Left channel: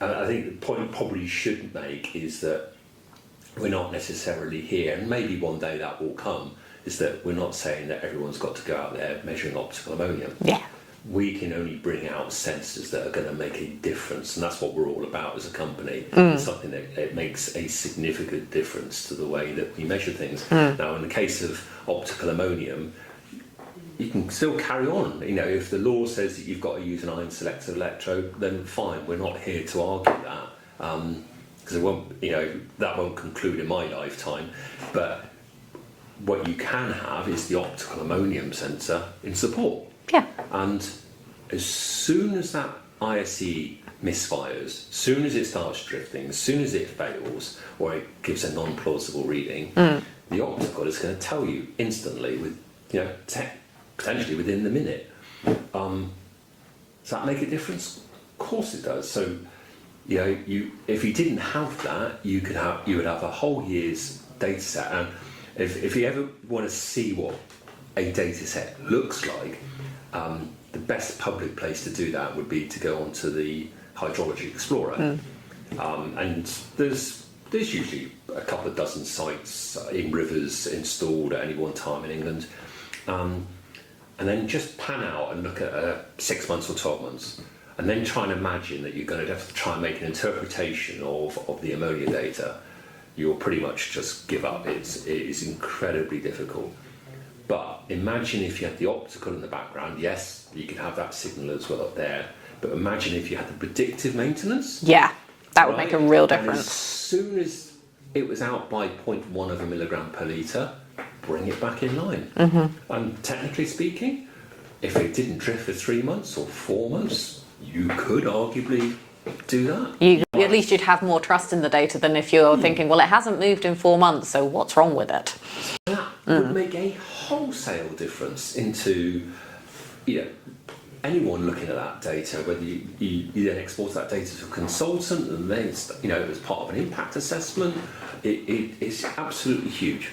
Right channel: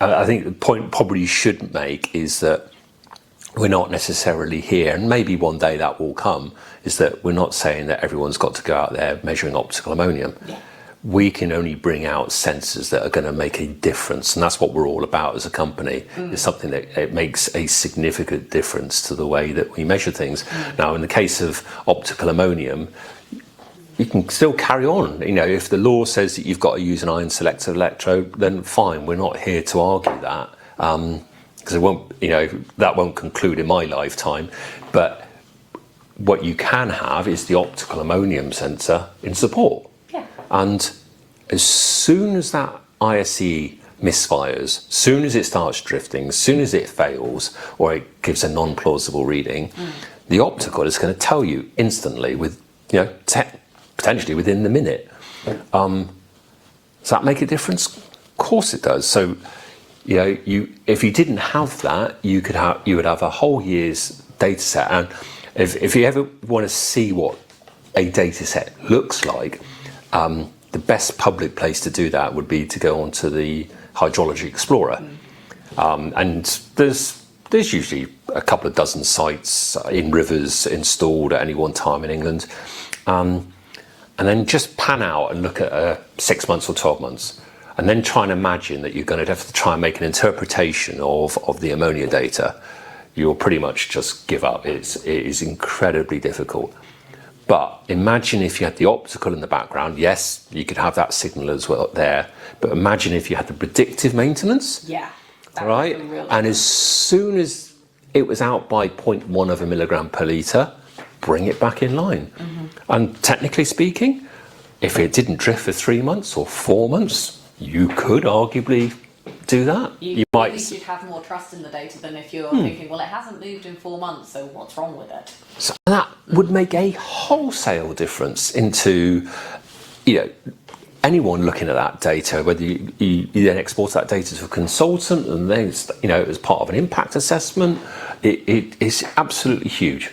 I think the point probably you shouldn't make is that we're not necessarily here, and maybe one day that will come, is that we're not saying that everyone's got to go out there measuring optical ammonium. Yeah. We can only bring out sensors that are going to make a difference, and that's what we're all about as a company. It's something that it makes a significant difference to the way that we measure things. Now, in the case of optical ammonium, you can still carry on. You know, if the law says that you've got to use an ion selective electrode, then fine. We're not here to argue that, because it won't, you know, that won't conclude in my lifetime. But what you can have is the optical ammonium sensor in support. Yeah. And as soon as that ISE misfires, as soon as it starts drifting, as soon as it fails, or it gives a non-plausible reading, the optical is going to tell you instantly, with, you know, potentially within the minute. Does that make a difference? Of course it does. So, you know, if you didn't have that, you would have a whole year's data set. And if you ever want to see what a data set looks like, the best public place to do that would be to go onto the Hydrology Explorer. And there's usually a couple of dozen sites in rivers installed at any one time in England. And then just pan out and look at 6 months or 12 months. And then try and imagine that you're going to have to try and make an interpretation of the ammonia data. You'll pretty much just give up. It is incredibly difficult. But imagine if you had the optical in the background. Yes, you could have that signal as well there. But imagine if you had the predictive maintenance. Yeah, that would make a real difference. And as soon as it was out by 0.1 of a milligram per litre, bring it back in line. And technically speaking, if it didn't drift for 3 months or 4 months, you could arguably do that. At least you'd have more trust in the data than if you're thinking, well, it hasn't moved in 4 months, so what's wrong with it? So that would make a wholesale difference into, you know, anyone looking at that data, whether you then export that data to a consultant and then, you know, as part of an impact assessment, it is absolutely huge.